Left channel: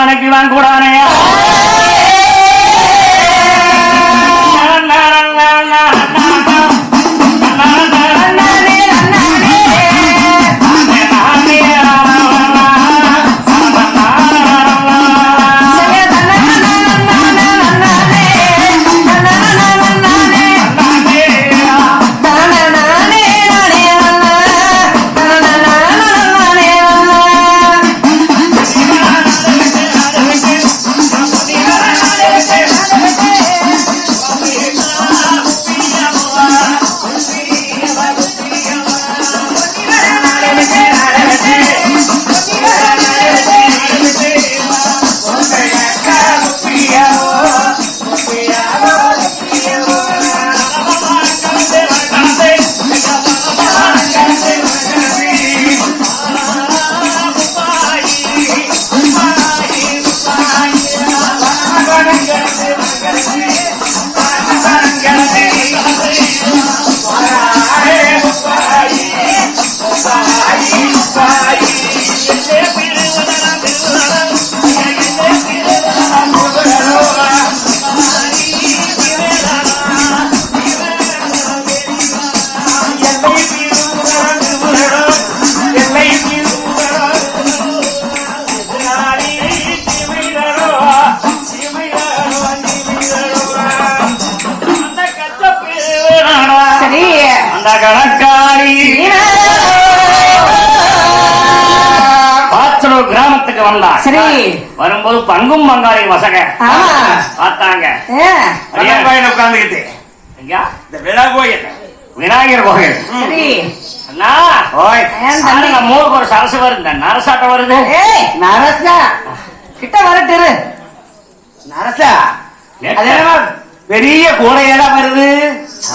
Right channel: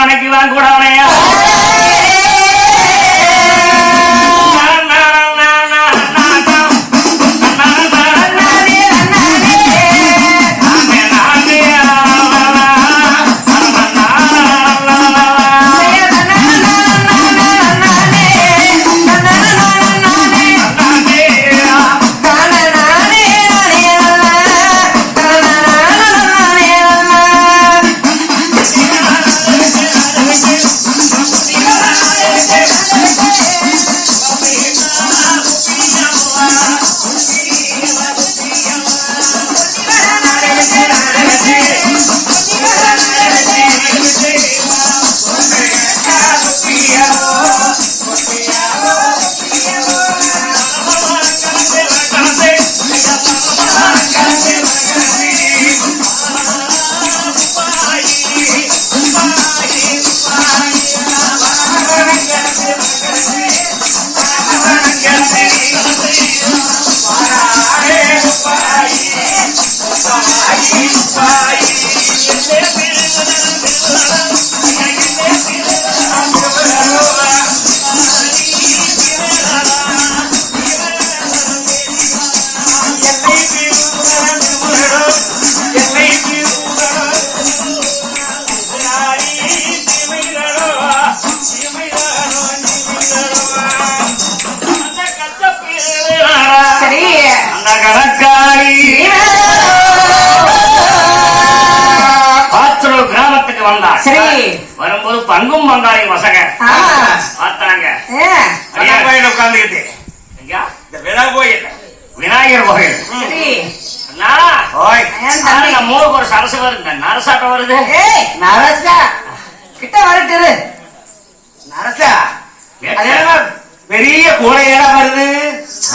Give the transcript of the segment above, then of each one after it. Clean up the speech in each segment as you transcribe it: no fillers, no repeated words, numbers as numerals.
மனைக்கு நான் கூடானே கிராமத்துக்கு வந்தா சரி வரும்போது பங்கும் பங்காளி வசக பார்த்தாங்க உட்கார்ந்துக்கிட்டு இந்த விழா கோயில் விநாயகர் கோயில் மூணுக்கு ஒரு சரசு வருது நரசாட்டம் வருது நரசா கிட்ட வரட்டு நரசா பெரிய கோடையெல்லாம் வருது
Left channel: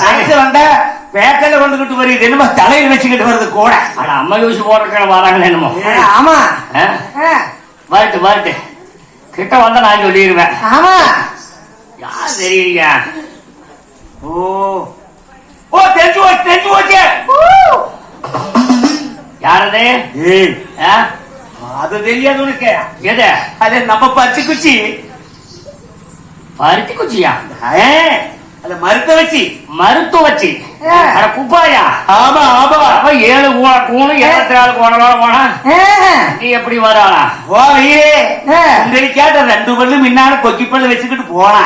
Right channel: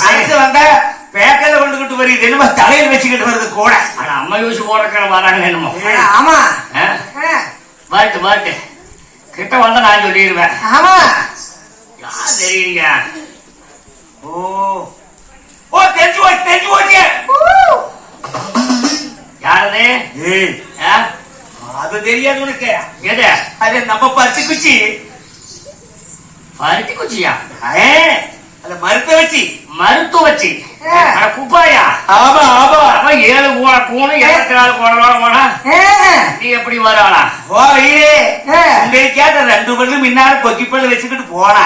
நரசு வந்தா பேக்கல கொண்டுகிட்டு வருது என்னமோ தலையில் வச்சுக்கிட்டு வருது கூட அம்மா யூஸ் போட்டு வராங்க என்னமோ ஆமா பாட்டு பாட்டு கிட்ட வந்தா நான் சொல்லிடுவேன் ஆமா யார் தெரியுங்க ஓ ஓ தெரிஞ்சு போச்சு தெரிஞ்சு போச்சு யாரது அது தெரியாது உனக்கு எது அது நம்ம பருத்தி குச்சி பருத்தி குச்சியா அது மருத்துவ வச்சு மருத்துவ வச்சு குப்பாயா ஆமா ஆமா 7 கூணு 74 கோணம் போனா நீ எப்படி வரானா கேட்ட 2 பல்லு முன்னால கொக்கி பல்லு வச்சுக்கிட்டு போனா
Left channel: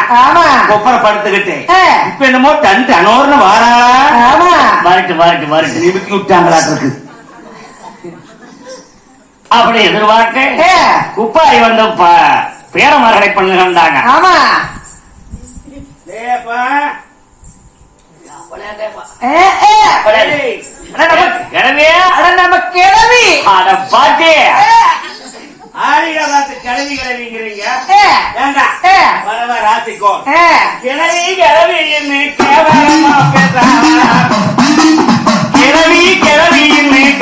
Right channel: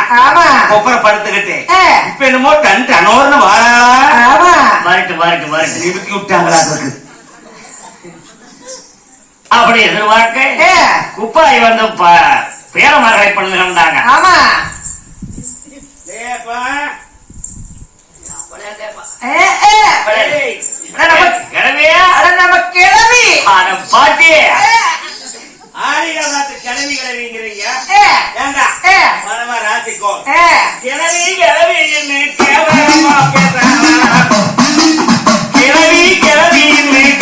கொப்பரை படுத்துக்கிட்டு இப்ப என்னமோ டன் டனோர்னு வாரா வரட்டு வரட்டு வரட்டு நிறுத்தி விட்டாங்களா இருக்கு அப்படி எதிர்பார்க்க குப்பாய் வந்து பேரமரகை பண்ணுகிறாங்க கிளவி கிளவிங்கிறீங்க ராசிக்கோ கிளவி கிளவி கேவலமா பேசுறாங்க கிளவி கிளவி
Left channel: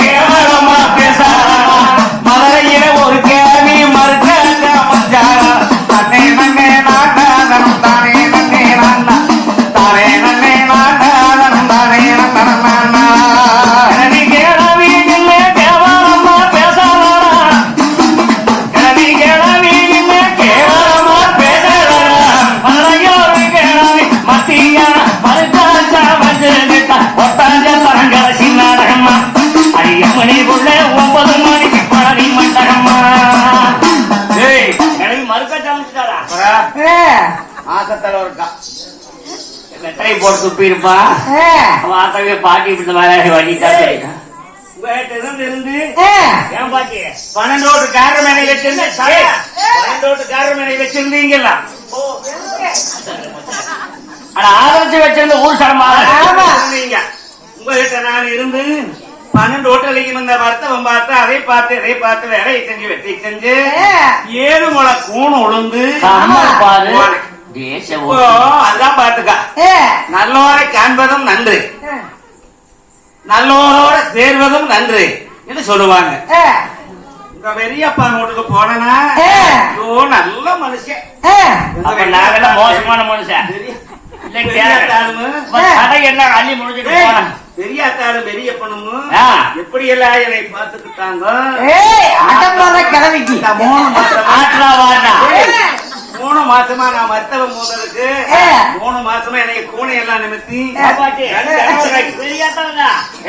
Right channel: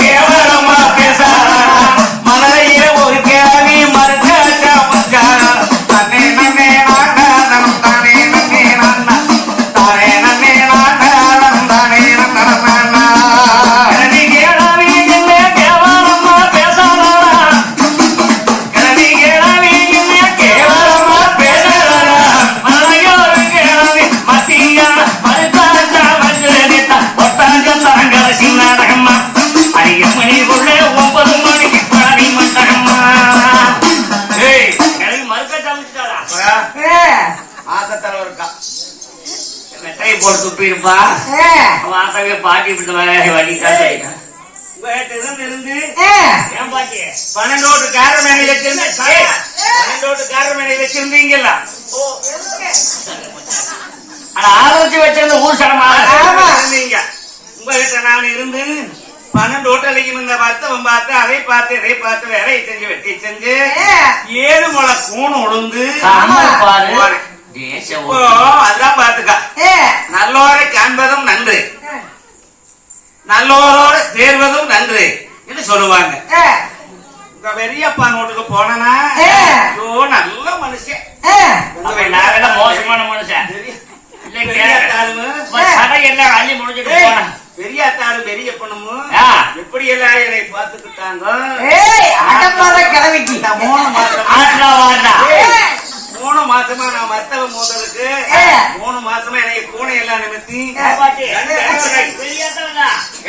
கேவலமா பேசுறாங்க ஒரு கிளவி மறுக்க போட்டு துப்பி இருப்பான் பாட்டி இருந்து ஏன் பாட்டி 12 காரமேனை வச்சிருந்த 12 காரமேனை வச்சிருந்தீங்கல்ல ஆதரிச்சு வச்சிருந்த ஊர் சடமா இருந்தீங்க உங்ககிட்ட நான் இருந்து 12 ஹோட்டலுக்கு வந்த பார்த்து அதை பார்த்து வேலை செஞ்சு வெட்டி செஞ்சு 7 முளை கூண் உளுந்து அதான் பாத்துக்க நல்லோரை காண்பதும் நன்று நல்லோரோட சேர்வதும் நன்று என்று சொல்லுவாங்க. இந்த பெரியப்பா வீட்டுக்கு போனா நல்ல மனுஷன் மோசமான மனுஷன் என்ன கண்ணி முடிஞ்சுட்டு பெரியாத்தாரு பெரிய பொண்ணும் எப்படி எல்லாம் என்னை பார்த்துக்கிட்டாங்க. கிழமைக்கு 3 மாசமா நான் மருத்துவ மூதலுக்கு 3 மாசமா எனக்கு கூனை எல்லாம் நிமித்தி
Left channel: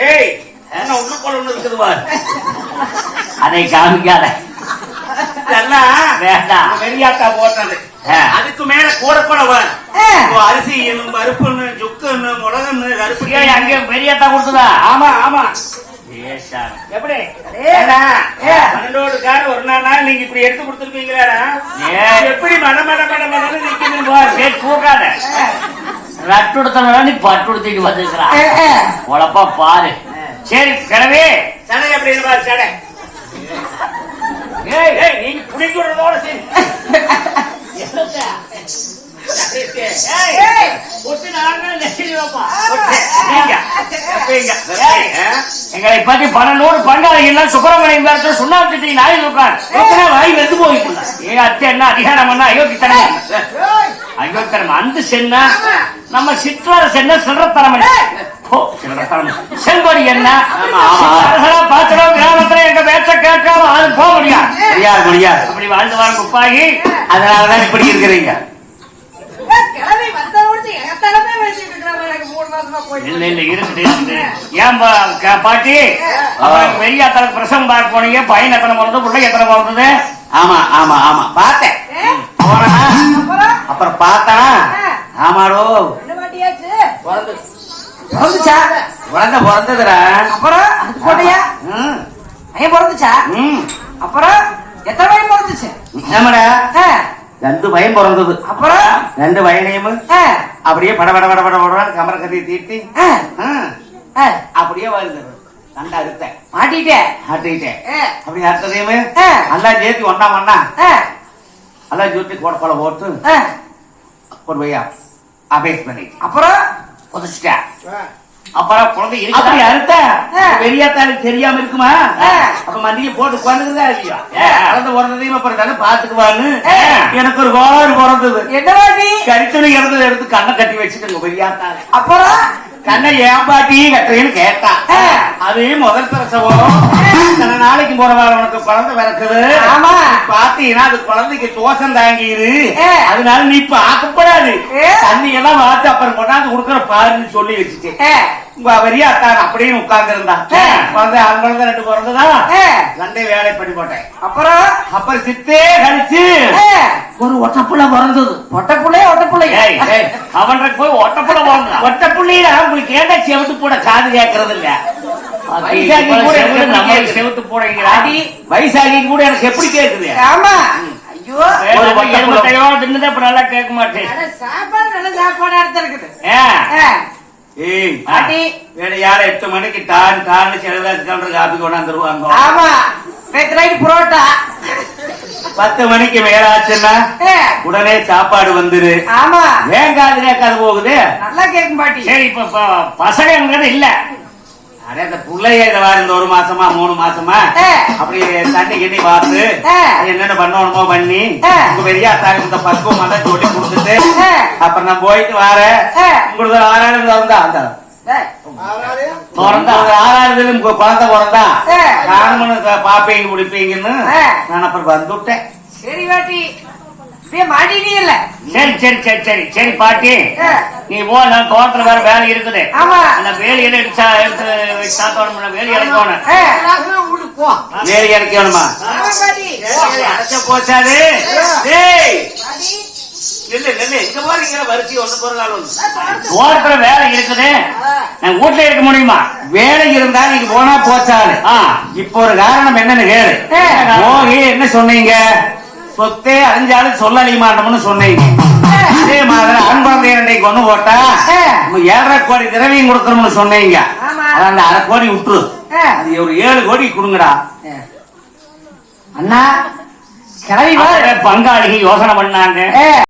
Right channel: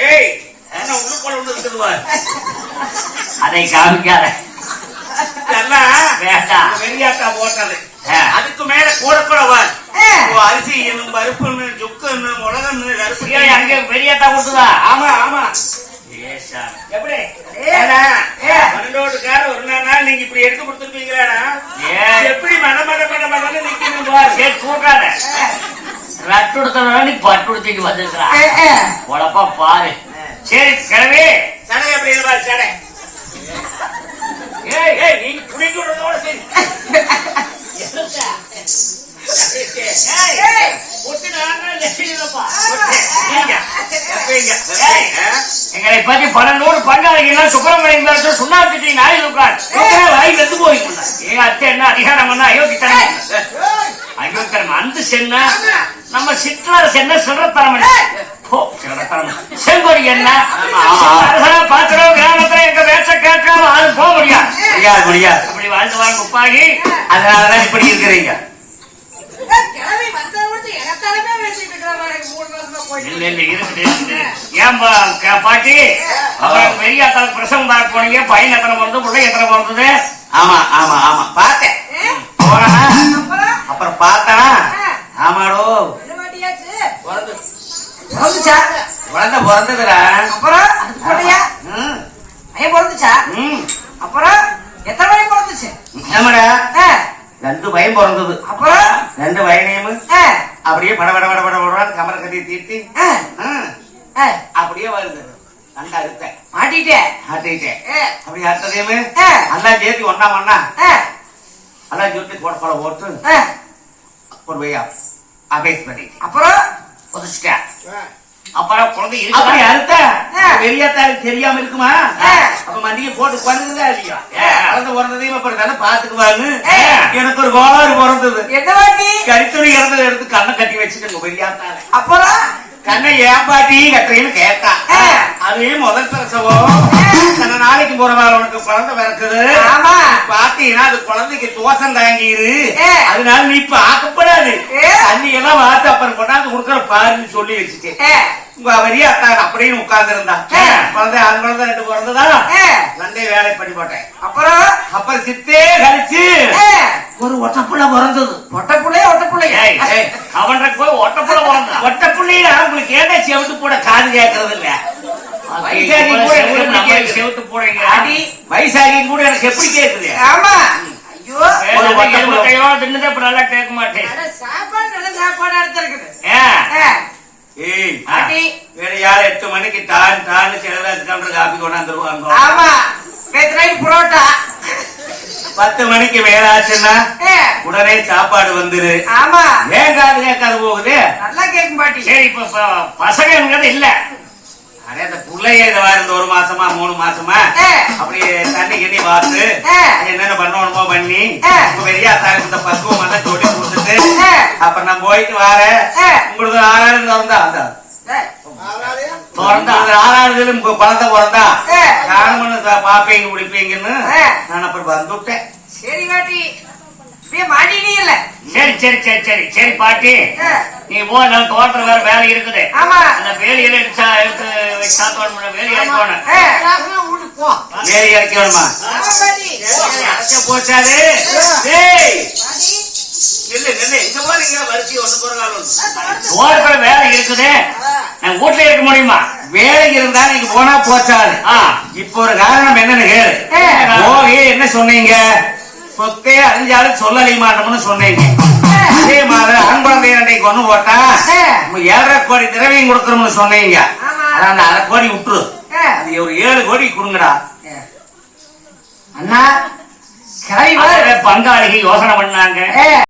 ஏய் என்ன உள்ளுக்குள்ள ஒண்ணு இருக்குதுவார் அதை காமிக்காத பெரியாத்தா போட்டது. அதுக்கு மேல கூடப்படவார் அரிசி என்னும் பருப்புன்னு சுக்குன்னு மிளகுன்னு அரிசி அங்க பெரியாத்தா கொடுத்ததா? ஆமா ஆமா. எப்படி 12 கார் ஒரு நாள் நீங்க இப்படி எடுத்து கொடுத்துருப்பீங்களாடா? எப்படி மட மட மட மடன்னு நிக்கணும் கூட்டாத ரட்டு எடுத்தா நீ பட்டு எடுத்துக்கு வந்துருக்கிறான் உழப்பா பாரு. சரி கிழவி சடை எப்படி இருப்பா சடை நீங்க புடிச்சு விடுறதோட சரி. எங்களை பத்தி 12 பங்காளிகள் சுப்பிரமணியம் சுண்ணாம்பு நாய் இருப்பார் வாய் வெந்து போயிருந்தா எங்க அத்தை என்ன அதிகாரம் பண்ணா அயோக்கித்தனம் அயோக்கித்தனம் அந்த சென்னா நம்ம சிற்றார சென்ன சிறத்தரம் செல்வரி என்ன பாத்திரம் கிராமத்துல எங்க பேச்ச கேட்காம அது போக முடியாது முடியாது இப்படி வாழ்ந்து வாங்க உப்பாகி அதனாலதான் இப்படி இருக்கிறீங்க. பாட்டி பெரியாத்தாளுக்கு பிரசவம் பார்க்க போனீங்க. பையன் எத்தனை பிறந்தது, பிள்ளை எத்தனை பிறந்தது? ஆமா ஆமா ஆமா பார்த்தேன். அப்புறம் பார்த்தா ஆமாடோ குழந்தை பிறந்ததுடா. அப்புறம் போட்டியா பிறந்துச்சா? அப்புறம் எத்தனை பையன் பிறந்துச்சு? என்னடா 2 பையன் பிறந்தது. அப்புறம் 2 பையனையும் அப்படியே பட பட பட பட பட கமர கட்டி தீட்டி அப்படியே வருது. நல்லா அறுத்தேன் மாட்டிட்டேன் அப்படி அறுத்ததையுமே நல்லா சேர்த்து ஒன்னா நல்லா சேர்த்து கொடை போட்டு கொண்டு போய் அபேஸ் பண்ணிட்டு அப்புறம் புதைச்சிட்டேன். அப்புறம் குழந்தை இருக்கு அறுத்த பெரியாத்தாளுக்கு தெரியாம இருக்குமா? அப்ப மண்டிகை போட்டு குழந்தைதான் இல்லையா? குழந்தை பிறந்ததையும் அப்புறம் தானே பாத்துக்குவான்னு எனக்கு ஒரு கோளாறு பிறந்தது. என்ன கருத்துணி இறந்ததை எடுத்து கண்ணை கட்டி வச்சுக்கணும் பெரியாத்தாள. அப்புறம் கண்ணை ஏன் பாட்டி கட்டுறேன்னு கேட்டா அது முதல் பிரசவம் இத்தனை நாளைக்கு போறவாள் உனக்கு குழந்தை பிறக்குது. ஆமா பாத்தீங்கன்னா அது குழந்தைக்கு தோசம் தாங்கிது. அதனால நீ பார்க்கப்படாது தண்ணி எல்லாம் வாத்து அப்புறம் கொண்டாந்து கொடுக்கற பாருன்னு சொல்லி வச்சுட்டேன். பெரியாத்தான் அப்படின்னு உட்கார்ந்து இருந்தான். குழந்தை அவன் குழந்தை 2 பிறந்ததான் 2 வேலை பண்ணி போட்டேன். அப்புறம் சித்தே கழிச்சு ஒரு ஒட்டப்புள்ள பிறந்தது. ஒட்டப்புள்ளை அவன் போய் ஒட்டப்புள்ள பிறந்த ஒட்டப்புள்ளையில உங்களுக்கு ஏண்டா செவட்டு போட காது கேட்கறது இல்ல? செவட்டு போடுங்க வயசாகி கூட எனக்கு எப்படி கேக்குது? ஆமா ஐயோ தின்னதே நல்லா கேட்க மாட்டேன். சாப்பாடு நல்ல சாப்பாடா இருக்குது. ஏய் பாட்டி வேற யார 8 மணிக்கு டான்னு செலவாச்சு காப்பி கொண்டாந்துருவாங்க. ஆமா புரோட்டா 10 மணிக்கு மேலாச்சுன்னா உடனே சாப்பாடு வந்துரு. ஆமா வேங்காது கேட்காது போகுது. நல்லா கேட்கும் பாட்டி. சரி இப்ப பசங்க இல்ல அதே அந்த பிள்ளைய இந்த 1 மாசமா 3 மாசமா அப்படி தண்ணி கிண்ணி பார்த்து என்னென்ன பண்ணணுமோ பண்ணி பெரியாத்தாளுக்கு இந்த பக்குவம் எல்லாம் சொல்லி கொடுத்துட்டு அப்புறம் நான் போயிட்டு வரேன். உங்களுக்கு 6ஆவது வந்தா அந்த 6ஆவது குழந்தை பிறந்தா நானும் பாப்பீங்க குடிப்பீங்கன்னு நான் அப்புறம் வந்துட்டேன். சரி பாட்டி மாட்டினே இல்ல. சரி பாட்டி நீ போ. நான் தோட்டத்துல வேற வேலை இருக்குது. அந்த வேலையில எடுத்து சாப்பாடு வேலை இறக்கணும். வேலை இறக்கணுமா? போச்சாது தோட்டத்துல வேலை இருக்குது. என் வீட்டுல இருக்க முடியுமா? வேலை இருந்தா நீங்க போனா போச்சாது. இப்ப ஒரு காரணம் என்னன்னு கேளு. என்ன சொன்னீங்க? சொத்தே அறிஞ்சாலும் சொல்லலை மாட்டோம்னு சொன்னீங்க. அதே மாதிரி ஆண் குழந்தைய கொண்டு போட்டா 7.5 கோடி திரவியம் கொடுக்கணும்னு சொன்னீங்க. அந்த 1/2 கோடி விட்டுரு. அது ஒரு 7 கோடி கொடுங்கடா. அண்ணா பங்காளிகள் யோசனை பண்ணாங்க.